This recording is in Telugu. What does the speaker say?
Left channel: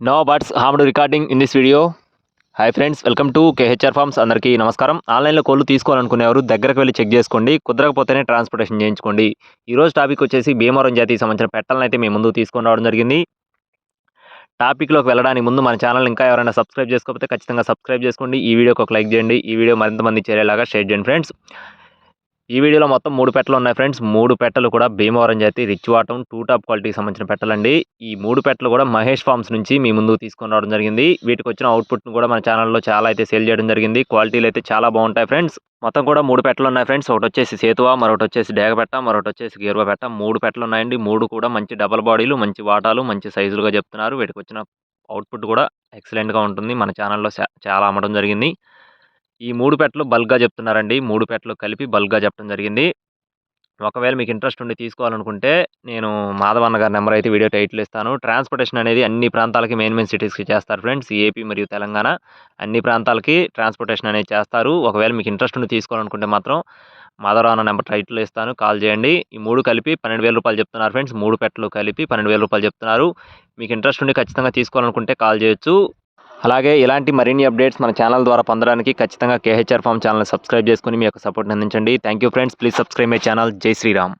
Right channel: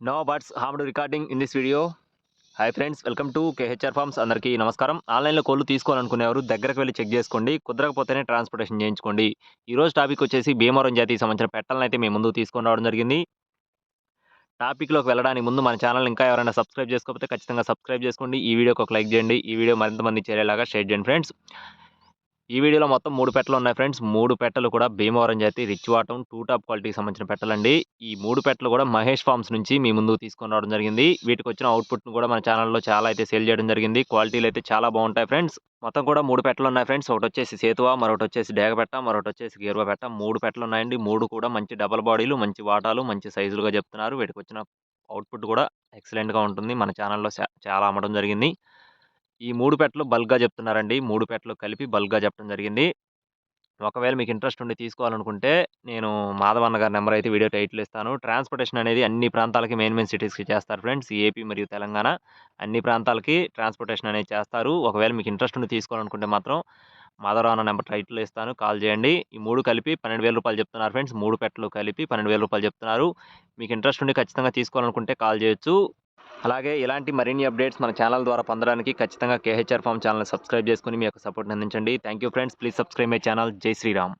No buts harmed recording in this video. Hi friends, welcome to KHR farms. అందరికీ నమస్కారం. ఆన్లైన్లో కోళ్ళు తీసుకోవాలనుకునేవారు దగ్గరకు వెళ్ళి చెక్ చేసుకోండి, కుదరకపోతేనే ట్రాన్స్పోర్టేషన్ చేయించుకోండి. ఈరోజు టాపిక్ వచ్చేసి భీమవరం జాతికి సంబంధించిన పెట్టలను అయితే మీ ముందుకు తీసుకొని రావడం జరిగింది. టాపిక్లోకి వెళ్ళడానికి ముందు మన ఛానల్ ఇంకా ఎవరైనా సబ్స్క్రైబ్ చేసుకోకపోతే ఖచ్చితంగా సబ్స్క్రైబ్ చేసుకోండి. ఈ వీడియోకి ఒక లైక్ చేయండి. ఈ వీడియో మరింత మంది చేరేలాగా షేర్ చేయండి ఫ్రెండ్స్. ఈ వీడియోలో మొత్తం 3 పెట్టలు ఉన్నాయి ఫ్రెండ్స్. 3 పెట్టలు కూడా భీమవరం జాతి రిచ్ వాటం 2 టాప్ క్వాలిటీకి సంబంధించిన పెట్టలండి. ఈ 3 పెట్టలు కూడా మహేష్ ఫార్మ్స్ నుంచి మీ ముందుకు తీసుకొని రావడం జరిగింది. వీటికి వచ్చిన అవుట్పుట్ను కూడా మన ఛానల్లో చాలా అయితే సేల్ చేయడం జరిగింది. క్వాలిటీలు అయితే చాలా బాగుంటాయి ఫ్రెండ్స్. మొత్తం కూడా 3 పెట్టలు ఉన్నాయి ఫ్రెండ్స్. ఒకటి వచ్చేసి సేతువా, మరొకటి వచ్చేసి డేగపెట్ట, మరొకటి వచ్చేసి గేరువ పెట్ట. 3 పెట్టలు ఉన్నాయండి. 3 కూడా మంచి డబల్ బాడీలు, మంచి వాటాలు, మంచి సైజులుగా చెప్తున్నారు. వీటికి వచ్చిన అవుట్పుట్ కూడా ఎక్సలెంట్గా ఉంటుంది. మన ఛానల్లో చాలా అమ్మడం జరిగింది. ఈ 3 పెట్టలు బల్క్‌గా చెప్తున్నారండి. 3 పెట్టలు కలిపి బల్క్‌గా చెప్పడం జరిగింది. ఒకవేళ మీకు ఇంట్రెస్ట్ ఉండి తీసుకోవాలనుకుంటే నేను మాధవన్న గారి నెంబర్ అయితే వీడియో టైటిల్ ఇస్తాను. ట్రాన్స్‌పోర్టేషన్ అనేది అన్ని ప్రాంతాలకి మెయిన్ సిటీస్‌కి చేస్తారు ఫ్రెండ్స్. ఏపీ మరియు తెలంగాణ అన్ని ప్రాంతాలకి ట్రాన్స్‌పోర్టేషన్ అనేది చేస్తారు. ఒకవేళ మీకు ఇంట్రెస్ట్ ఉండి తీసుకోవాలనుకుంటే మాత్రం మాధవరావు అన్న నెంబర్ టైటిల్‌లో ఇస్తాను, కాల్ చేయండి. ఈ 3 కలిపి రూ. 12,000 చెప్తున్నారు ఫ్రెండ్స్. 3 పెట్టలు కలిపి రూ. 12,000 చెప్తున్నారు. మీకు ఇంట్రెస్ట్ ఉండి ఖచ్చితంగా తీసుకోవాలనుకుంటే కాల్ చేయొచ్చు. అలాగే ఇలాంటి మరిన్ని అప్డేట్స్ మన ఛానల్ ద్వారా పొందడానికి ఖచ్చితంగా కేహెచ్ఆర్ ఫార్మ్ ఛానల్ని సబ్స్క్రైబ్ చేసుకొని మీ యొక్క సపోర్ట్‌ని అందించండి. Thank you friends. Please subscribe my channel. జై శ్రీరామ్.